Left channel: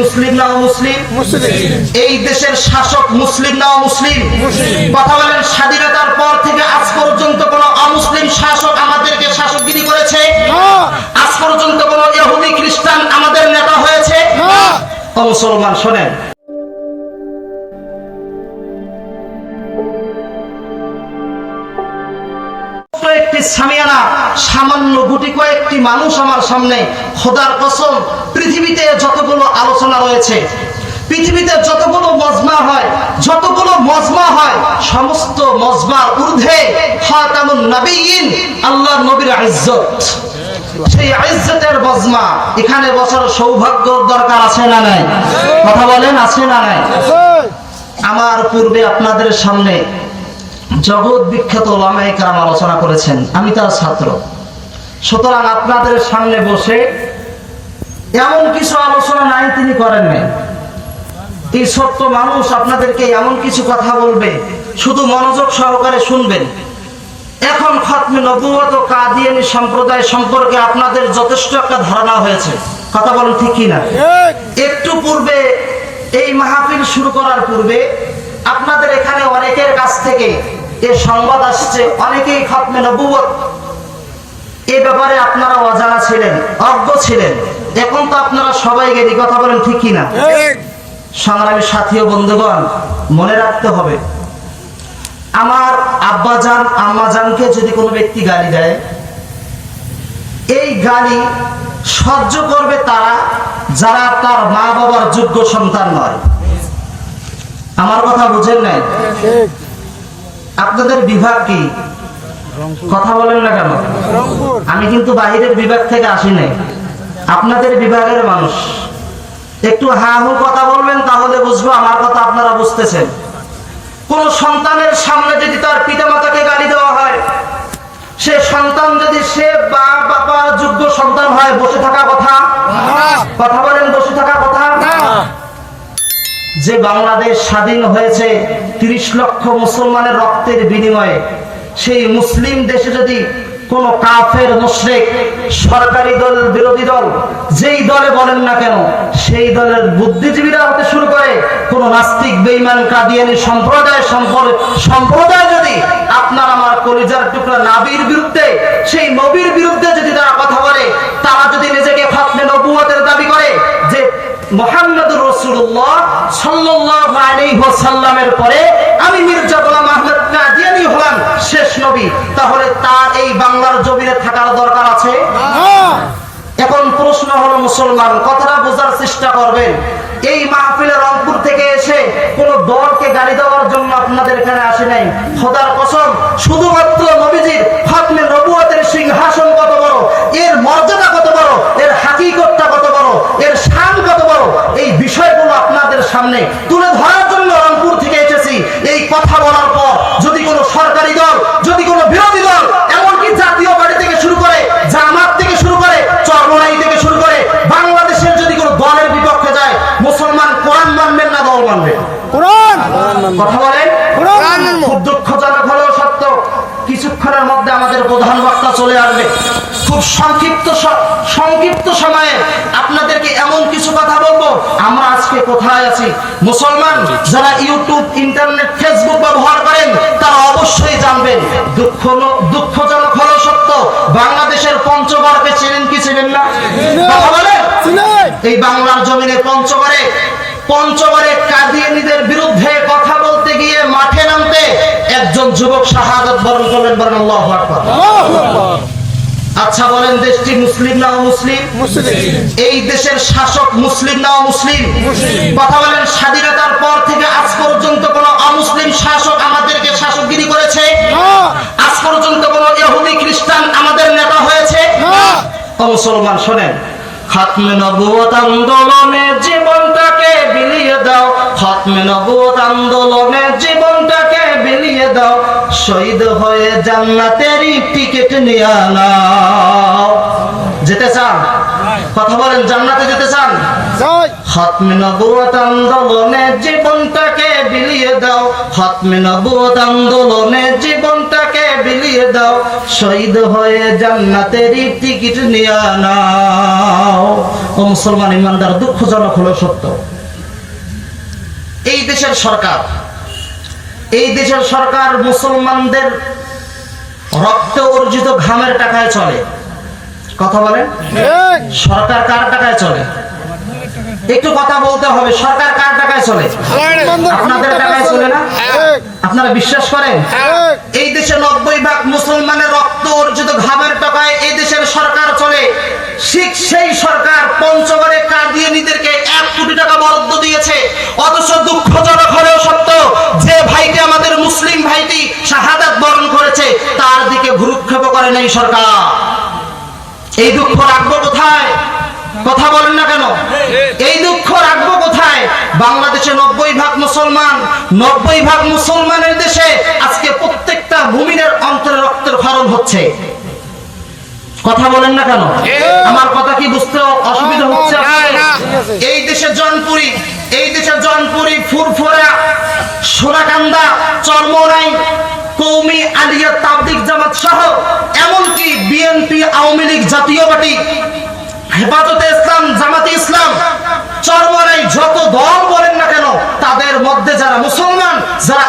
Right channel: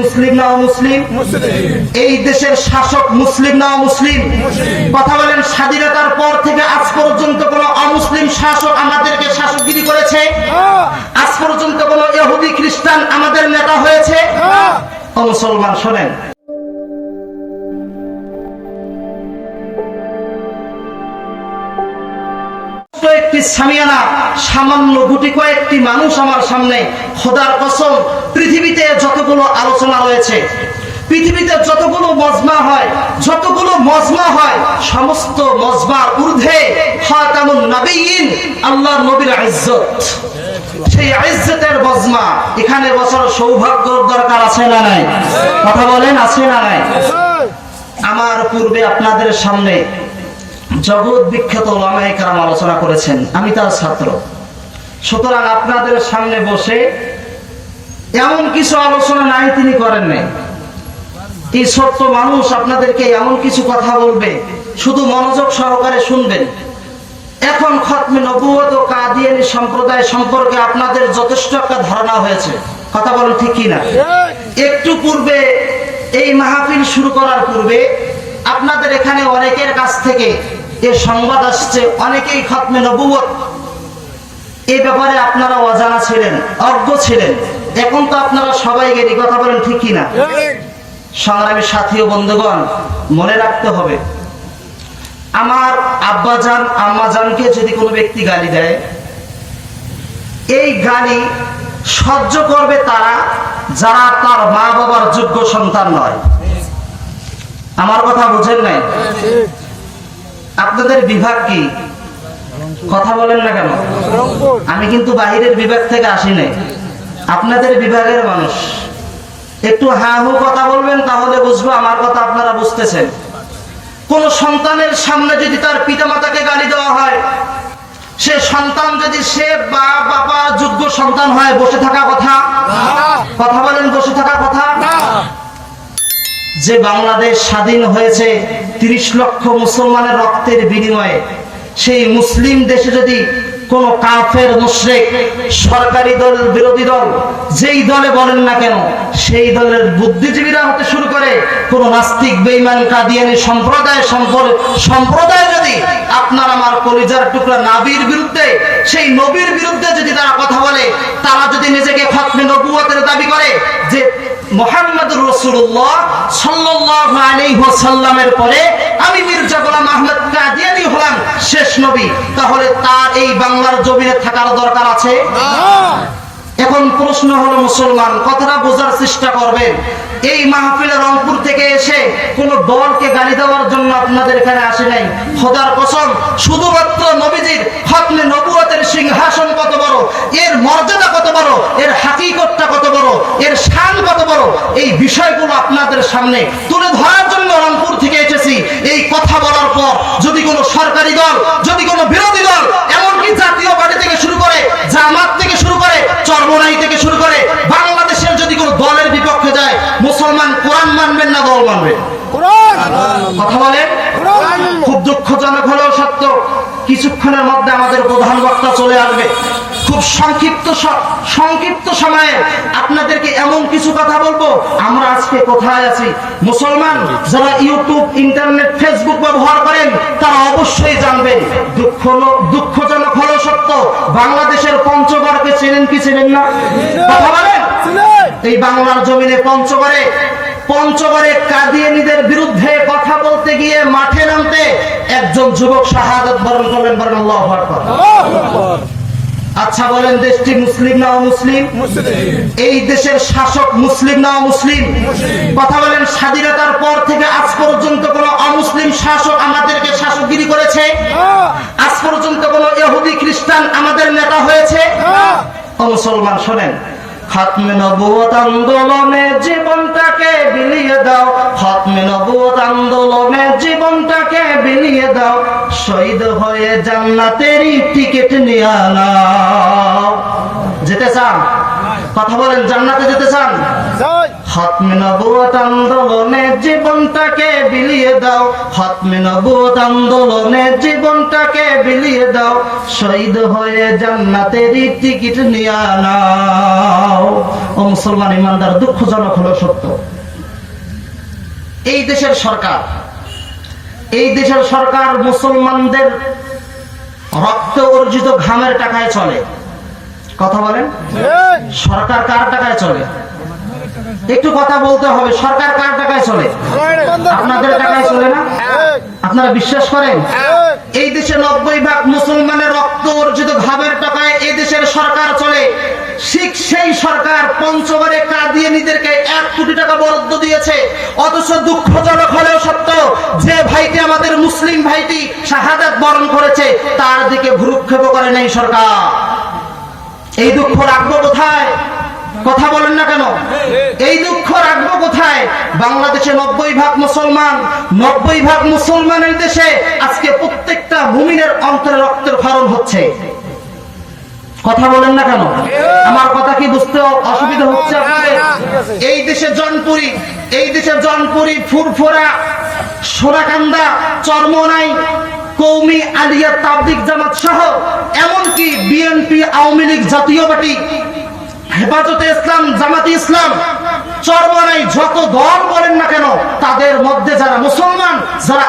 মুসলিম না মুসলিম। এই দেশের শাসক মুসলিম না মুসলিম। কথা বলেন স্বাধীনতার পর থেকে আজ পর্যন্ত কোন অমুসলিম শাসক আমাদেরকে শাসকগিরি করেছে? আজ পর্যন্ত কোন ইহুদি খ্রিস্টান আমাদের নেতা হয়েছে? মুসলমান শোনেন। একটি সামিয়ানা সামান্য গুটি কয়েকটি মানুষ আমার সামনে। খোদার কসম পৃথিবীতে যতগুলো আলোচনা রয়েছে পৃথিবীতে যতগুলো মজমা হয় যতগুলো মজমা হয় সমস্ত মজমার ঊর্ধ্বে নবীন আল্লাহ নবীর ইজ্জত। সেই ইজ্জতের মজমা এখানে বসার সৌভাগ্য দরকার আছে না নাই? কথা বলেন আছে না নাই? আমার পূর্বে আপনাদের সামনে জগৎ বিখ্যাত ওলামায়ে কারাম আলোচনা করেছেন, আমি তার ছাত্র। সুতরাং আপনাদের সামনে বসে এমন কিছু আলোচনা নাই তিনি করেন নাই। এই ছোট্ট মানুষ আপনাদেরকে এমন কিছু কথা বলবে, শুধু মনোযোগ সহকারে শুনবেন। এখন খতমে নবুয়ত কাদিয়ানি সম্প্রদায় সম্পর্কে আপনাদের যথেষ্ট একটা ধারণা হয়েছে। কথা বলেন ঠিক কি না একটু পূর্বে, এই মাহফিল শুরু করার পূর্বে আপনাদের এখানে অনেকের কাছ থেকে এ সংবাদ আসছে অনেকেই খতমে নবুয়ত এই ব্যাপারে আপনারা অজানা ছিলেন অজ্ঞ ছিলেন। এখন তো আপনারা সবাই গেলি কথা বলেন ঠিক কিনা? সংগ্রামী সাথী ও বন্ধুগণ মনে রাখতে হবে আমার আব্বাজান আম্মাজানকে যদি কোনো ব্যক্তি গালি দেয় এই গালি সহ্য করবে তারা যারা তার মা বাবার যোগ্য সন্তান নয়। আমার কথা বুঝেন নাই? আপনাদের বিভাগ কি? কথা বলেন না কেন? আমি কিন্তু বাহিরের বিভাগ থেকে আসি নাই। আপনাদের বিভাগের মানুষ। একটু হা হু কথা বলবেন, তাহলে বুঝব আমার কথা আপনারা বুঝতেছেন। কোন সন্তানের সামনে যদি তার পিতামাতাকে গালি দেওয়া হয়, সে সন্তান যদি সে বা বাবা যোগ্য সন্তান হয়, বসে থাকা কথা? কথা বলেন, বসে থাকা কথা? যে বাংলাদেশ স্বাধীন হয়েছে তিরিশ লক্ষ মুসলমানের রক্তের বিনিময়ে, সেই মুসলিম দেশে যদি কোন কাফের, মুশরিক, সরকারি দল, বিরোধী দল, যেই দলে বলেন না কেন, সেই দলের বুদ্ধিজীবীরা হতে শুরু করে কোন নাস্তিক বেইমান কাদিয়ানি সম্প্রদায় সম্পর- সম্প্রদায় যদি আপনার আমার কলিজার টুকরা নাবির বিরুদ্ধে, সেই নবীর বিরুদ্ধে যদি তারা কথা বলে, তারা যদি নিজেকে খতমে নবুয়তের দাবি করে যে মোহাম্মদুর রসুল্লাহ ওয়াসাল্লামের পরে আমি মির্জা গোলাম আহমদ কাদিয়ানি হলাম শেষ নবী। তাহলে তার এই বাংলার জমিনে থাকার দরকার আছে? এখন প্রশ্ন হলো মুসলমান, কথাটা বোঝার চেষ্টা করবেন। এই মাহফিলে রংপুর থেকে এসে কোন দলকে গালি দেওয়ার জন্য আপনাদের এখানে আসে নাই। খোদার কসম, শুধুমাত্র নবীজির হাতমে নবুয়তের সিংহাসন কত বড়, এর মর্যাদা কত বড়, এর হাকিকতটা কত বড়, এর এই বিষয়গুলো আপনাদের সামনে তুলে ধরার জন্য রংপুর থেকে এসেছি। এই কথা বলার পর যদি কোনো সরকারি দল যদি কোনো বিরোধী দল এমনকি জাতীয় পার্টি থেকে শুরু করে জামাত থেকে শুরু করে চরমনাই থেকে শুরু করে বাংলাদেশের যদি কোনো দলের বিপক্ষে যায় মুসলমান কোরআন মানবেন না দল মানবেন? কথা বলেন? খুব দুঃখজনক হলেও সত্য কিছুক্ষণের মধ্যে আমাদের প্রধান বক্তা চলে আসবে। সংক্ষিপ্ত সংক্ষিপ্ত সময়ে আপনাদেরকে এমন কিছু কথা বলব। আমরা আজকে কোথায় আছি? মুসলমান যারা ইউটিউব, ইন্টারনেট, ফেসবুক ব্যবহার করেন, তারা অবশ্যই জানবেন, দুঃখ দুঃখজনক হলেও সত্য, বাংলাদেশের পঞ্চগড়কে চেনেন কি চেনেন না? এই বাংলার জমিনে পঞ্চগড়ে পঞ্চগড়ে কাদিয়ানিদের বিরুদ্ধে কথা বলতে গিয়ে মাঠে নামতে একজন যুবক শাহাদত বরণ করলেন বরং আল্লাহু আচ্ছা বলেন দেশটি মুসলিম না মুসলিম। এই দেশের শাসক মুসলিম না মুসলিম। কথা বলেন স্বাধীনতার পর থেকে আজ পর্যন্ত কোন অমুসলিম শাসক আমাদেরকে শাসকগিরি করেছে? আজ পর্যন্ত কোন ইহুদি খ্রিস্টান আমাদের নেতা হয়েছে? মুসলমান শোনেন। খাতমে নবুয়ত আন্দোলনে জীবনটাকে বিলিয়ে দাও। খাতমে নবুয়ত আন্দোলনে জীবনটাকে বিলিয়ে দাও। শহীদ হয়ে জান্নাতেরই টিকিট নিয়ে নাও। যেতে চান? কথা বলেন জান্নাতে যেতে চান? খতমে নবুয়ত আন্দোলনে জীবনটাকে বিলিয়ে দাও। খতমে নবুয়ত আন্দোলনে জীবনটাকে বিলিয়ে দাও। শহীদ হয়ে জান্নাতের টিকিট নিয়ে নাও। ও মুসলমান ইমানদার দুঃখজনক হলো সত্য। এই দেশের সরকার এই দেশের সরকার মুসলমানদের রক্ত অর্জিত ঘামের টাকায় চলে। কথা বলেন? সরকার কার টাকায় চলে? একটু কথা বলতে হবে, সরকার কার টাকায় চলে? আপনাদের টাকায় চলে না? আপনারা বিশ্বাস করেন? এই দেশে নব্বই ভাগ মুসলমানের রক্ত অর্জিত ঘামের টাকায় এই দেশের সরকার চলে। ঠিক সেই সরকার পঞ্চগড়ে কাদিয়ানিদেরকে এক কোটি টাকা বরাদ্দ দিয়েছে, অথচ দুঃখজনক হলেও সত্য যে ভাইটি আমাদের মুসলিম ভাইটি শাহাদাত বরণ করেছে তার দিকে ভ্রুক্ষেপ করে নেই সরকার? এই দুঃখ রাখব কোথায়? কথা বলেন না কেন? এই দুঃখ রাখব কোথায়? বাংলাদেশে নব্বই ভাগ মুসলমান, নব্বই ভাগ মুসলমানের দেশে আজকে প্রত্যেকটা মুমিনের অন্তরে রক্তের খরণ হচ্ছে। কথা বলেন না কেন? আমার কথা কি বুঝতে অসুবিধা হচ্ছে এই দেশে জনপুরি, এই দেশে জনপুরি, ফুরফুরা, সোনাকান্দা, চরমনাই, কৌমি, আলিয়া তাবলিক জামাত সহ জাতীয় পার্টি, হেফাজতে ইসলাম, জামাতি ইসলাম, চরমনাই যত দল বলেন না কেন, তাদের মধ্যে যারা মুসলমান, যারা